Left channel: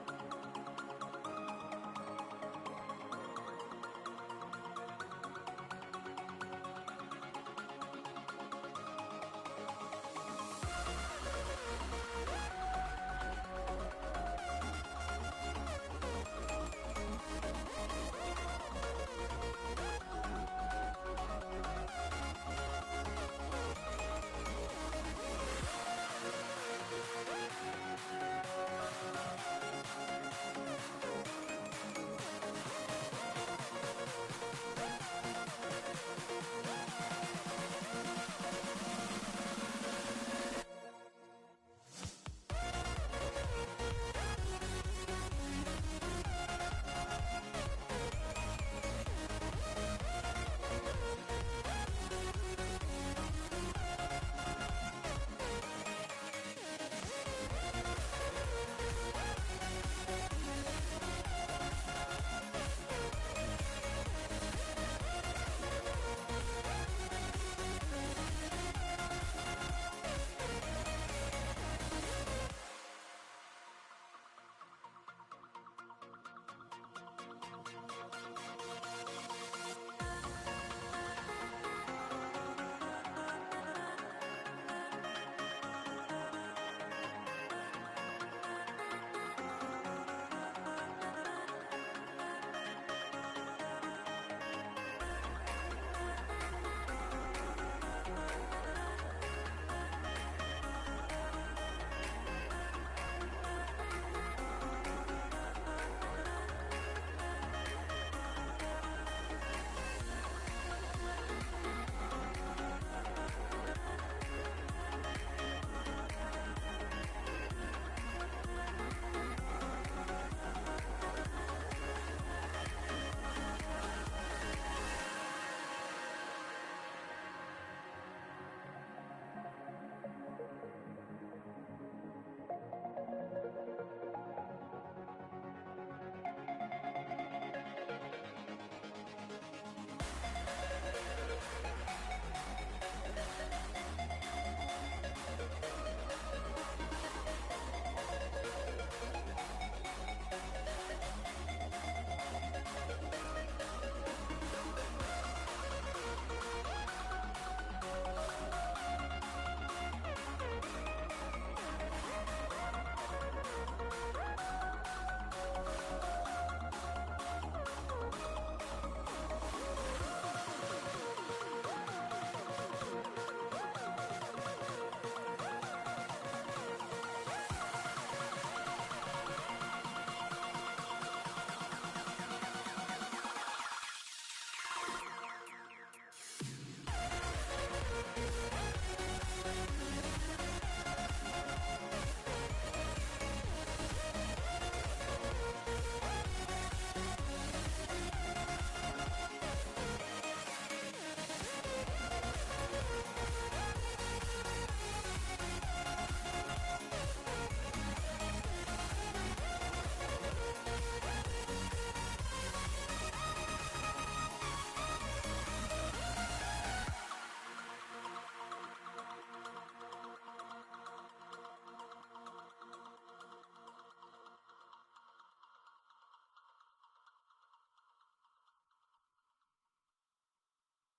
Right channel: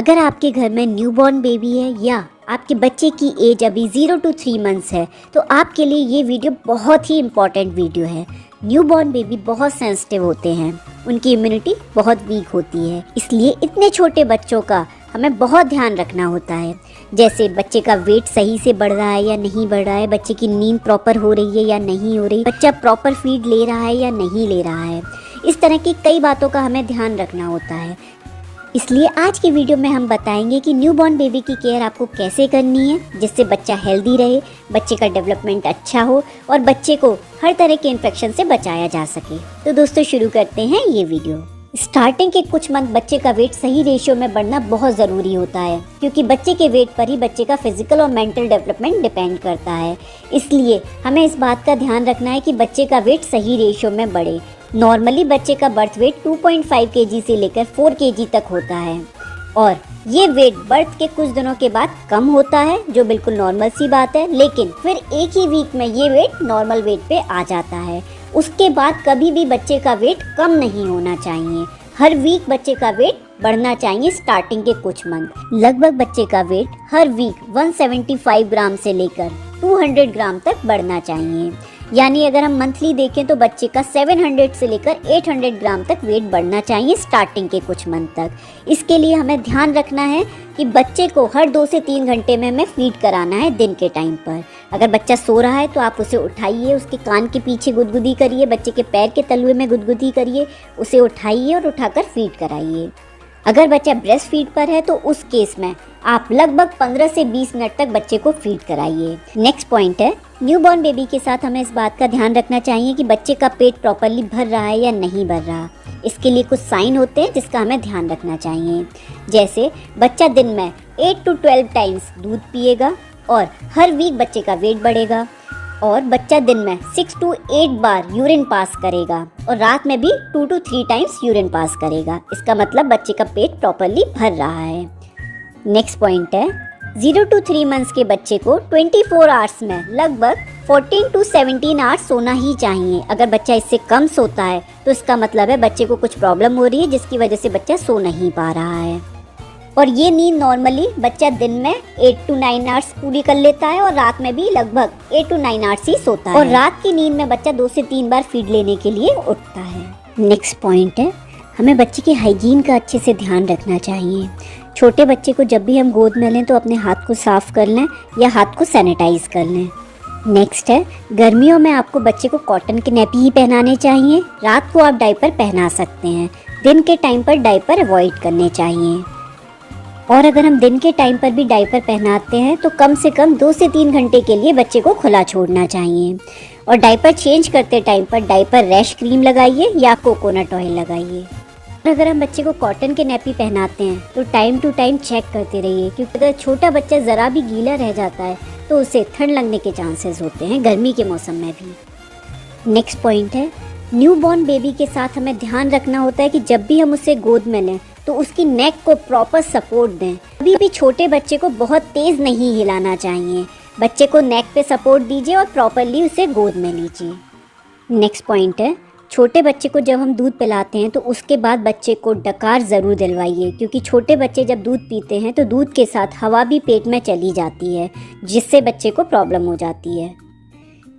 अगर आपके घर में न्यूबॉर्न बेबी है या आपके बच्चे की एज अभी 0 to 3 मंथ्स है तो आपके लिए ये वीडियो बहुत ही इम्पॉर्टेंट वीडियो है। न्यूबॉर्न बेबी बहुत सेंसिटिव होते हैं, उनकी इम्यूनिटी बहुत वीक होती है, इसलिए इतने छोटे बच्चों का हमें बहुत ध्यान रखना होता है। जैसे बच्चे का वेट सही से बढ़ रहा है या नहीं बढ़ रहा है, बच्चे की नींद प्रॉपर हो रही है या नहीं हो रही, बच्चा प्रॉपर फीड ले रहा है या नहीं ले रहा है। इस तरह की कई बातों का हमें ध्यान रखना होता है। इसलिए आज की वीडियो में हम बताएंगे कि न्यूबॉर्न बेबी की केयर आपको कैसे करनी है जिससे बच्चा हेल्दी रहे, बच्चे का डेवलपमेंट अच्छा हो और बच्चे को हर तरह के इन्फेक्शन से बचाया जा सके। तो दोस्तों शुरू करते हैं ये वीडियो। स्टार्टिंग के कुछ मंथ बच्चे का वेट सही रेशियो में बढ़ना बहुत ज़रूरी होता है, क्योंकि बच्चे के वेट पर ही बच्चे का फिजिकल और मेंटल डेवलपमेंट डिपेंड करता है। इसलिए हमें इस बात का ध्यान रखना है कि बच्चे का वेट सही रेशियो में बढ़े। नॉर्मली बच्चे का बर्थ वेट 2.5 kg से लेकर 4 kg तक होता है और ये वेट बर्थ के कुछ दिनों के बाद कम होता है, जो बिल्कुल नॉर्मल सी बात है। लेकिन फिर एक ही वीक में ये वेट नॉर्मल वेट पे आ जाता है। उसके बाद कभी भी बच्चे का वेट कम नहीं होना चाहिए। हर वीक बच्चे का वेट बढ़ना चाहिए। स्टार्टिंग के कुछ मंथ लगभग बच्चे का वेट हर वीक 175 ग्राम से लेकर 200 ग्राम तक बढ़ना चाहिए। यानी अगर हम मंथली देखें तो बच्चे का 700 से लेकर 800 ग्राम तक वेट बढ़ना चाहिए स्टार्टिंग के कुछ मंथ तक। इसके लिए हमें ध्यान रखना है कि बच्चे को हर 2 से 3 घंटे में हमें फीड कराना है दिन के टाइम पर। अगर बच्चा सो रहा है तो आप उसे उठाइए, उसके कान के पीछे गुदगुदी करिए, बच्चे के पैर के तलुए में गुदगुदी करिए, उसे उठाइए और उठाकर फीड कराइए। अगर बच्चा ब्रेस्ट फीड पर है तो उस केस में आप लगभग 15 से 20 मिनट तक बच्चे को फीड कराइए। नेक्स्ट पॉइंट है, न्यूबॉर्न बेबी के साथ हमें इस बात का ध्यान रखना चाहिए कि बच्चे का पेट प्रॉपरली भर रहा है या नहीं भर रहा। इसके लिए कुछ साइन होते हैं जिसका हमें ध्यान रखना चाहिए। जैसे बच्चा दिन में 8 to 12 टाइम्स दूध पिएगा और हर वीक बच्चे का वेट बढ़ेगा और बच्चा दिन में 6 to 8 बार यूरिन पास करेगा और रात में भी 2 to 3 टाइम्स यूरिन पास करेगा। इसका मतलब बच्चे का पेट प्रॉपरली भर रहा है। नेक्स्ट पॉइंट है, 0 to 3 मंथ्स के बच्चे को 24 आवर्स में लगभग 14 to 17 आवर्स सोना ही चाहिए। अगर बच्चा इससे कम सोता है तो इसका मतलब है बच्चे को कुछ प्रॉब्लम हो रही है जिसकी वजह से बच्चा सो नहीं पा रहा है। और ये नींद नॉर्मली बच्चा दिन में 8 to 9 आवर्स पूरी कर लेता है और रात में भी लगभग 8 to 9 आवर्स ही सोता है। और रात की नींद में बच्चा 2 से 3 बार फीड लेने के लिए उठता है। नेक्स्ट पॉइंट है, हमें बच्चे के हाइजीन का अच्छे से ध्यान रखना चाहिए। छोटे बच्चे को जब भी हम गोद में लें तो अपने हाथ को साफ कर लें या हाथ को सैनिटाइज कर लें। नेक्स्ट है, गर्मियों में आपको बच्चे को कॉटन के नैपी ही पहनाने चाहिए। रात को आप डायपर पहना सकते हैं, दिन के टाइम पर डायपर अवॉइड करने चाहिए। और अगर हम दिन के टाइम पर भी डायपर पहनाते हैं तो कम से कम 2 से 3 घंटे के लिए बच्चे को खुला छोड़ना चाहिए। और डायपर चेंज करते टाइम पर डायपर रैश क्रीम लगाइए या कोकोनट ऑयल लगाइए। और अगर हम बच्चे को कॉटन के नैपी पहनाते हैं तो टाइम टू टाइम चेक करते रहिए, क्योंकि अगर छोटा बच्चा ज़रा भी गीला रह जाता है तो उसे ठंड लगने के चांसेस होते हैं गर्मी के मौसम में भी। नेक्स्ट पॉइंट है, न्यूबॉर्न बेबी के साथ हमें ध्यान रखना होता है कि जब भी हम उसे गोद में लें तो उसकी नेक को प्रॉपर सपोर्ट दें। कभी भी छोटे बच्चे को बहुत तेज़ नहीं हिलाना चाहिए। बच्चे को नेक पे सपोर्ट दीजिए और प्रॉपरली उसे गोद में लीजिए। नेक्स्ट पॉइंट है, छोटे बच्चे को जब हम दूध पिलाते हैं तो उसके बाद बच्चे को डकार ज़रूर दिलवाइए, क्योंकि छोटे बच्चे जब दूध पीते हैं तो दूध के साथ हवा भी पेट में चली जाती है जिससे बच्चे को प्रॉब्लम हो जाती है।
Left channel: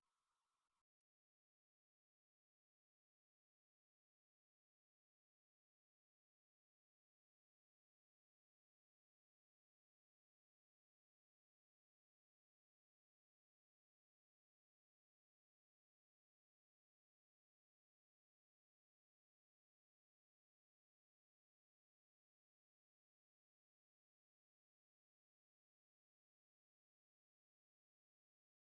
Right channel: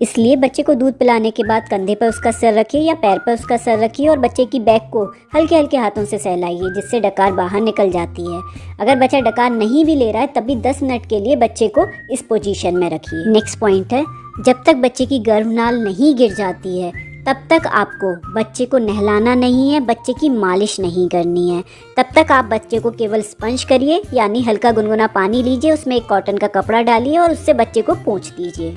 इसलिए बच्चे को दूध पिलाने के बाद कंधे पर उसका सर रखिए या पैर पर उसका सर रखिए और बच्चे की बैक को हल्के हल्के हाथों से सहलाइए जिससे डकार बाहर निकल जाती है। अगर बच्चा डकार नहीं भी ले रहा है तब भी 10 मिनट के लिए बच्चे को इस पोजीशन में रखिए। नेक्स्ट पॉइंट है, जब तक बच्चे की गर्भनाल नहीं गिर जाती है तब तक आपको बच्चे को नहलाना नहीं है, बच्चे की मालिश नहीं करनी है। तब तक आप बच्चे को केवल स्पंज करिए, यानी हल्का गुनगुना पानी लीजिए, उसमें एक कॉटन का कपड़ा डालिए और उससे बच्चे को पोंछ दीजिए।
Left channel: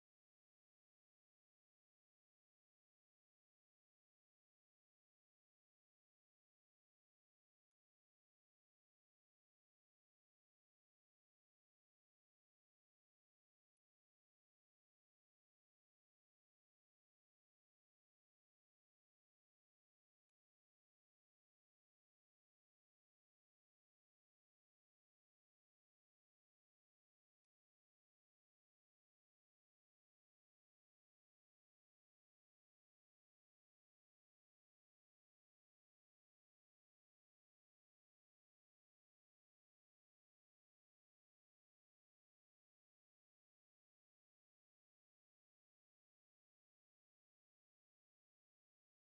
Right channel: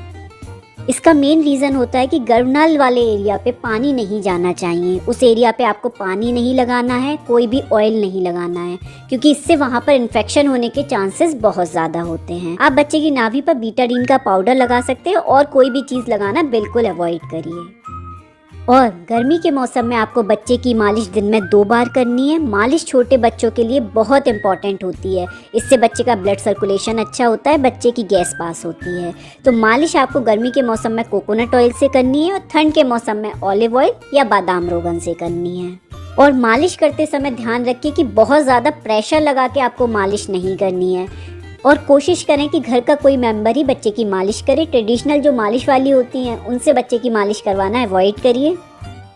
इसका मेन रीज़न होता है कि गर्भनाल वाले एरिया पे पानी नहीं जाना चाहिए। उस एरिया पे आपको पानी नहीं लगाना है, कोई भी ऑयल नहीं लगाना है, क्योंकि इससे वहाँ पर इन्फेक्शन होने के चांसेस बहुत ज़्यादा होते हैं। आप बच्चे की नाभि पर बीटाडीन का पाउडर लगा सकते हैं और कोई भी चीज़ लगाना बिल्कुल अवॉइड करिए। और गर्मी के मौसम में आपको बच्चे की मालिश दिन में 2 बार करनी है। मालिश छोटे बच्चों के लिए बहुत इंपॉर्टेंट होती है। इससे बच्चे का ब्लड सर्कुलेशन अच्छा होता है, बच्चे की गैस पास होती है। तो मालिश आपको गर्मी के मौसम में कोकोनट ऑयल से करनी है और ठंड के मौसम में ऑलिव ऑयल या बादाम रोगन से करनी है। और मालिश करते समय ध्यान रखिए कि बहुत ज़्यादा प्रेशर लगा के आपको मालिश नहीं करनी है, और कोशिश करें कि घर का कोई मेंबर ही बच्चे की मालिश करे। ट्रेडिशनल जो मालिश वाली होती हैं उनसे बच्चे की मालिश करवाना अवॉइड करिए।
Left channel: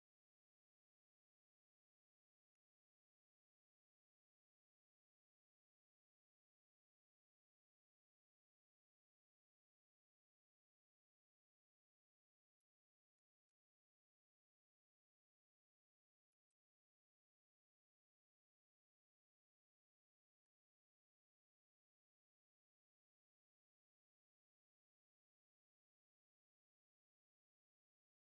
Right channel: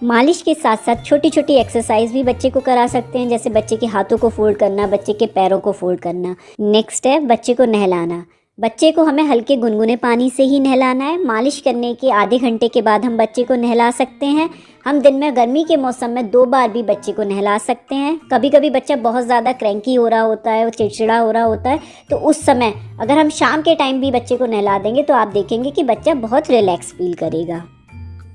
मालिश के साथ साथ छोटी छोटी एक्सरसाइज भी बच्चे को करा सकते हैं, जैसे बच्चे के हाथों को फोल्ड करना, बच्चे के पैरों को फोल्ड करना। नेक्स्ट है बच्चे को नहलाना। बच्चे को हमें हल्के गुनगुने पानी से ही नहलाना है। मालिश करने के आधे घंटे के बाद हम बच्चे को नहला सकते हैं। हम दिन में गर्मी के मौसम में 2 बार भी बच्चे को नहला सकते हैं। कभी कभी बच्चा बहुत ज़्यादा क्रैंकी हो रहा होता है, वो चिड़चिड़ा हो रहा होता है, तो उस समय अगर हम शाम के टाइम भी बच्चे को नहला देंगे तो आप देखेंगे कि बच्चा बहुत रिलैक्स फील करेगा।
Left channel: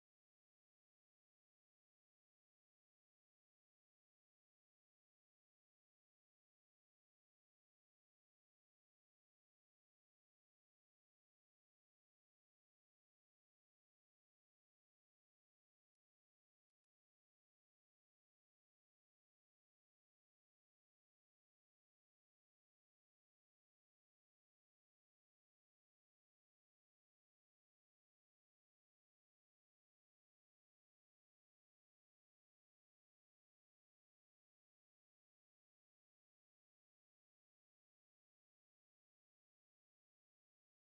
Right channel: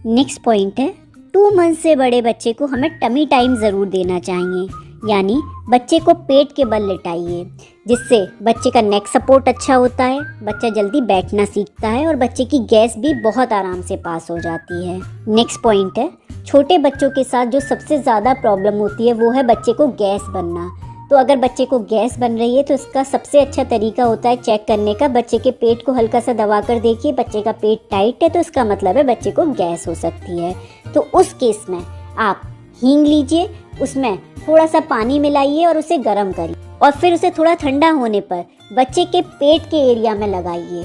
नेक्स्ट पॉइंट है 2 मंथ से बड़े बच्चे को हमें टमी टाइम ज़रूर देना चाहिए, यानी बच्चे को पेट के बल लिटाइए, जिससे बच्चे का नेक सपोर्ट अच्छा होता है, बच्चा जल्दी बैठना सीखता है और बच्चे की गैस भी बहुत आराम से पास हो जाती है। नेक्स्ट पॉइंट है छोटे बच्चों के साथ जो सबसे ज़्यादा प्रॉब्लम होती है वो है बच्चे को गैस बनना। तो अगर बच्चे को गैस बन रही है तो इसका सबसे अच्छा तरीका होता है चेक करने का। बच्चे के पेट को हल्का सा दबा कर देखिए, बच्चे का पेट टाइट है तो इसका मतलब है बच्चे को गैस हो सकती है। तो उस केस में आप हींग लीजिए, उसमें थोड़ा सा पानी मिलाइए और उसे गर्म करिए, और फिर उसे थोड़ा ठंडा होने पर बच्चे के पेट के एरिया में लगाइए।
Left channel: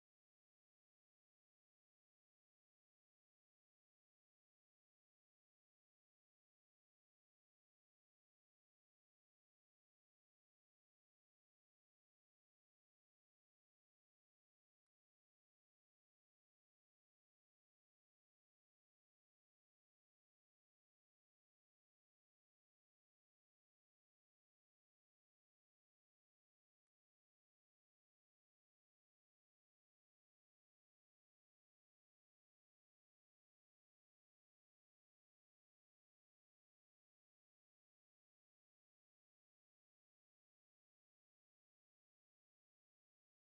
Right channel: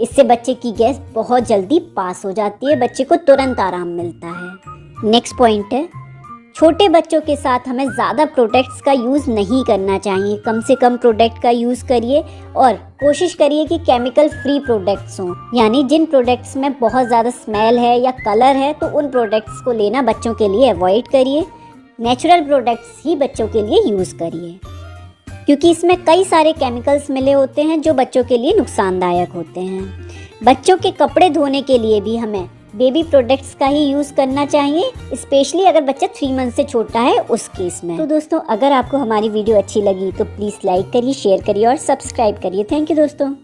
इससे बच्चे की गैस बहुत जल्दी पास हो जाती है, बच्चे को तुरंत आराम मिलता है। नेक्स्ट पॉइंट है छोटे बच्चों के साथ हमें ज़्यादा प्रोडक्ट्स का यूज़ नहीं करना चाहिए। कम से कम प्रोडक्ट का यूज़ करिए और कोशिश करिए कि केमिकल फ्री प्रोडक्ट्स हों, यानी जिन प्रोडक्ट्स में बहुत ज़्यादा स्मेल है या कलर है तो उन प्रोडक्ट्स को लेना बच्चों के लिए अवॉइड करिए। नेचुरल प्रोडक्ट्स ही बच्चों के लिए यूज़ करिए, क्योंकि इसमें कई सारे केमिकल्स मिले होते हैं जो बच्चों के लिए नुकसानदायक होते हैं। बच्चों के कपड़े धोने के लिए भी हमें बेबी प्रोडक्ट्स का ही यूज़ करना चाहिए, स्पेशली अगर बच्चा 3 मंथ से छोटा है उस केस में। तो दोस्तों, अगर आपको हमारी वीडियो अच्छी लगी तो प्लीज़ लाइक करिए, शेयर करिए और सब्सक्राइब करिए। थैंक यू दोस्तों।